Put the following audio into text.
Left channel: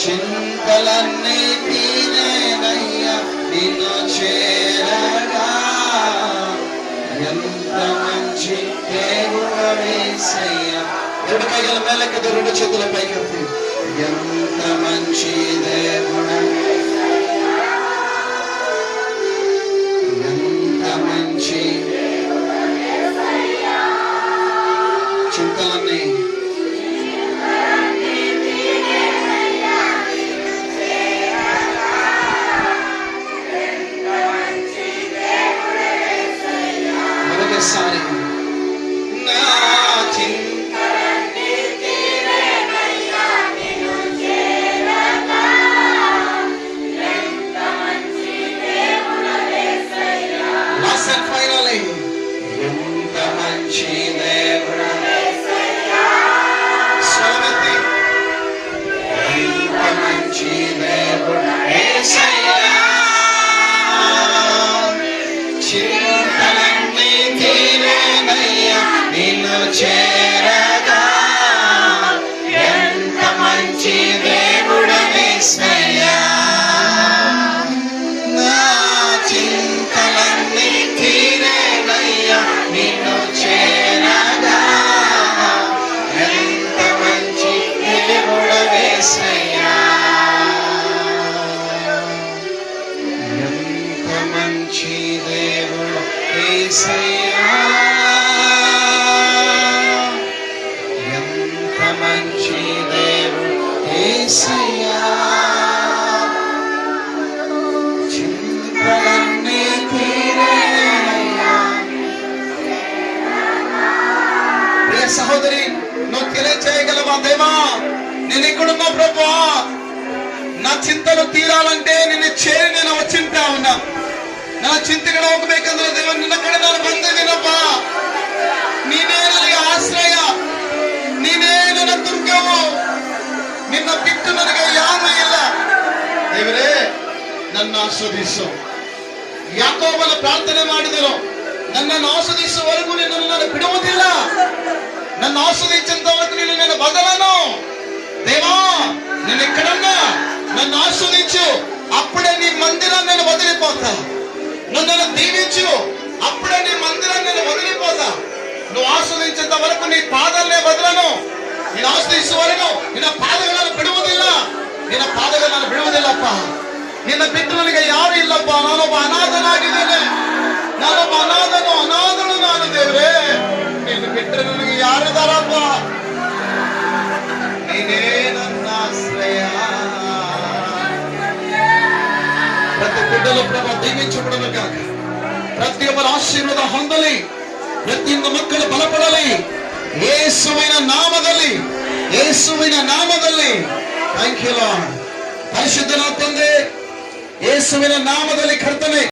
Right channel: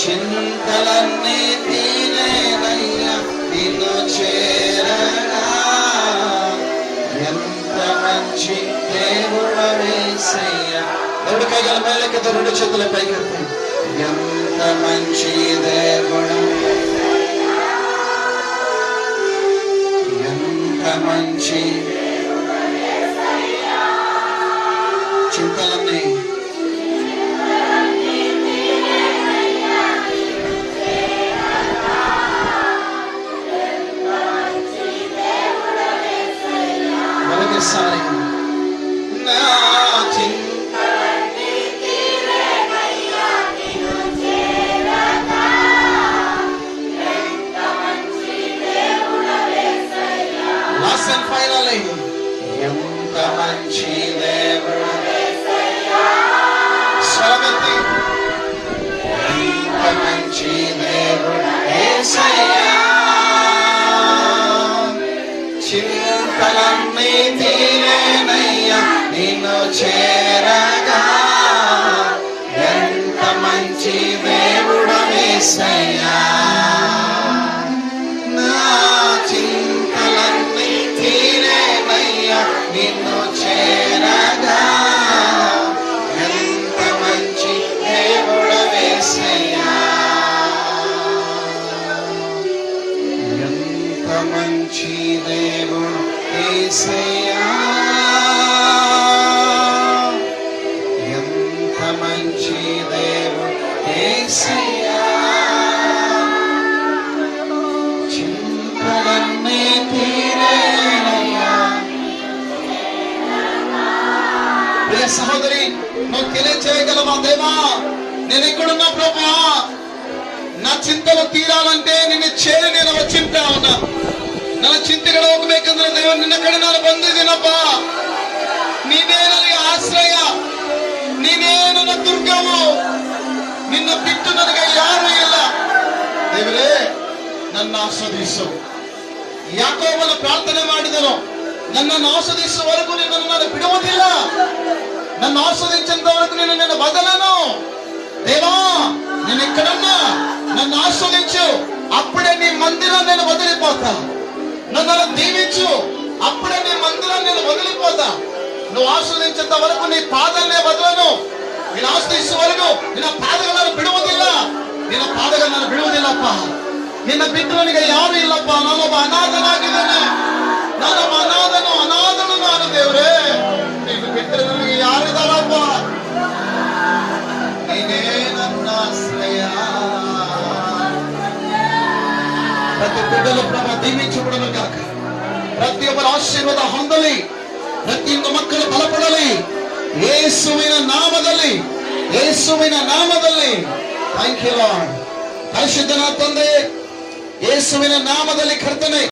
చింతలన్నీ తీరేనయ్యా నిన్ను చేరగా, ఎంత మంచి దేవుడవేసయ్యా. రెండు కైగల మేలెక్కదు, రెండు చేతుల పైకెత్తి. ఎంత మంచి దేవుడు, ఎంత మంచి. చింతలన్నీ ఒకసారి నా చింతలన్నీ తీరేనయ్యా నిన్ను చేరగా, ఎంత మంచి దేవుడవేసయ్యా. లాస్ట్ అండ్ ఫైనల్లీ, ఎంత మంచి దేవుడవేసయ్యా. స్వరమెత్తి, ఎంత మంచి దేవుడవేసయ్యా. చింతలన్నీ తీరేనయ్యా నిన్ను చేరగా, ఎంత మంచి దేవుడవేసయ్యా. నా చింతలన్నీ తీరేనయ్యా నిన్ను చేరగా, ఎంత మంచి దేవుడవేసయ్యా. ఎంత మంచి దేవుడు యేసయ్యా, ఎంత మంచి దేవుడు యేసయ్యా. చింతలన్నీ తీరేనయ్యా. ప్రియ సహోదరి, నువ్వు తెలియచేయగలవా? దేవా, నేను ఇక్కడున్నా ప్రభువా, నా చింతలు తీరాలంటే నిన్ను చేరి నేను వచ్చింటా ఉన్నా. నా చింತೆಗಳ ಹೋಗ್ಬೇಕಂದ್ರೆ ದೇವ ನಿನ್ನ ಕಡೆ ನಾನು ಬಂದಿದ್ದೀನಪ್ಪ. ನೀನೇ ನನಗೆ ಆಶ್ರಯ, ನೀನೇ ನನ್ನ ದುರ್ಗವು, ನಿನ್ನ ಬಿಟ್ಟು ನನಗೆ ಯಾರೂ ಇಲ್ಲ. ದೇವರೇ, ನನ್ನ ಆಸ್ವಾದಿಸು. ಯಾಕೋಬನ ಪ್ರಾರ್ಥನೆ ಮಾಡಿದರು, ನನ್ನನ್ನು ಆಸ್ವಾದಿಸುವವರೆಗೂ ನೀನು ನನ್ನನ್ನು ಬಿಡುವುದಿಲ್ಲ, ನನ್ನ ఆస్వాదించేంతవరకు నేను నిన్ను వదలను. దేవా, నేను ఎక్కడన్నా నన్ను ఆస్వాదించు, అప్పుడే నీ మందిరాన్ని నేను వదిలిపోతా. నన్ను దీవించు, అప్పుడే నీ మందిరాన్ని నేను వదిలిపోతా. నువ్వు ఆస్వాదించేంత వరకు నీ పాదాలనే వదలను. నేను ಆಸ್ವಾದಿಸು ವರೆಗೂ ನಿನ್ನ ಪಾದಗಳನ್ನು ಬಿಡುವುದಿಲ್ಲ, ನಿನ್ನ ಪಾದಗಳನ್ನು ಬಿಡುವುದಿಲ್ಲಪ್ಪ. ನಿನ್ನ ಬಿಟ್ಟು ನನಗೆ ಯಾರು ಇಲ್ಲಪ್ಪ. ನಾನೊಬ್ಬ ಅನಾಥನಾಗಿದ್ದೇನೆ, ನಾನೊಬ್ಬ ಅನಾಥನು ನಾನು. ದೇವರೇ, ನೀನು ಬಿಟ್ಟರೆ ನನಗೆ ಯಾರಿದಾರಪ್ಪ? ನೀನೇ ನನ್ನ ಆಶ್ರಯ. ప్రతి బిడ్డల ప్రభు దీవించబడను కాక, ప్రతి ఒక్కరు ఆశీర్వాద ಹೊಂದಲಿ, ಪ್ರತಿಯೊಂದು ಮಕ್ಕಳು ಬಲಪಡಲಿ ಯೇಸುವಿನ ನಾಮದಲ್ಲಿ, ಯೇಸುವಿನ ನಾಮದಲ್ಲಿ. Thank you lord. ಪರಿಶುದ್ಧನ ತಂದೆ, ಯೇಸುವಿನ ನಾಮದಲ್ಲಿ ಕರ್ತನೆ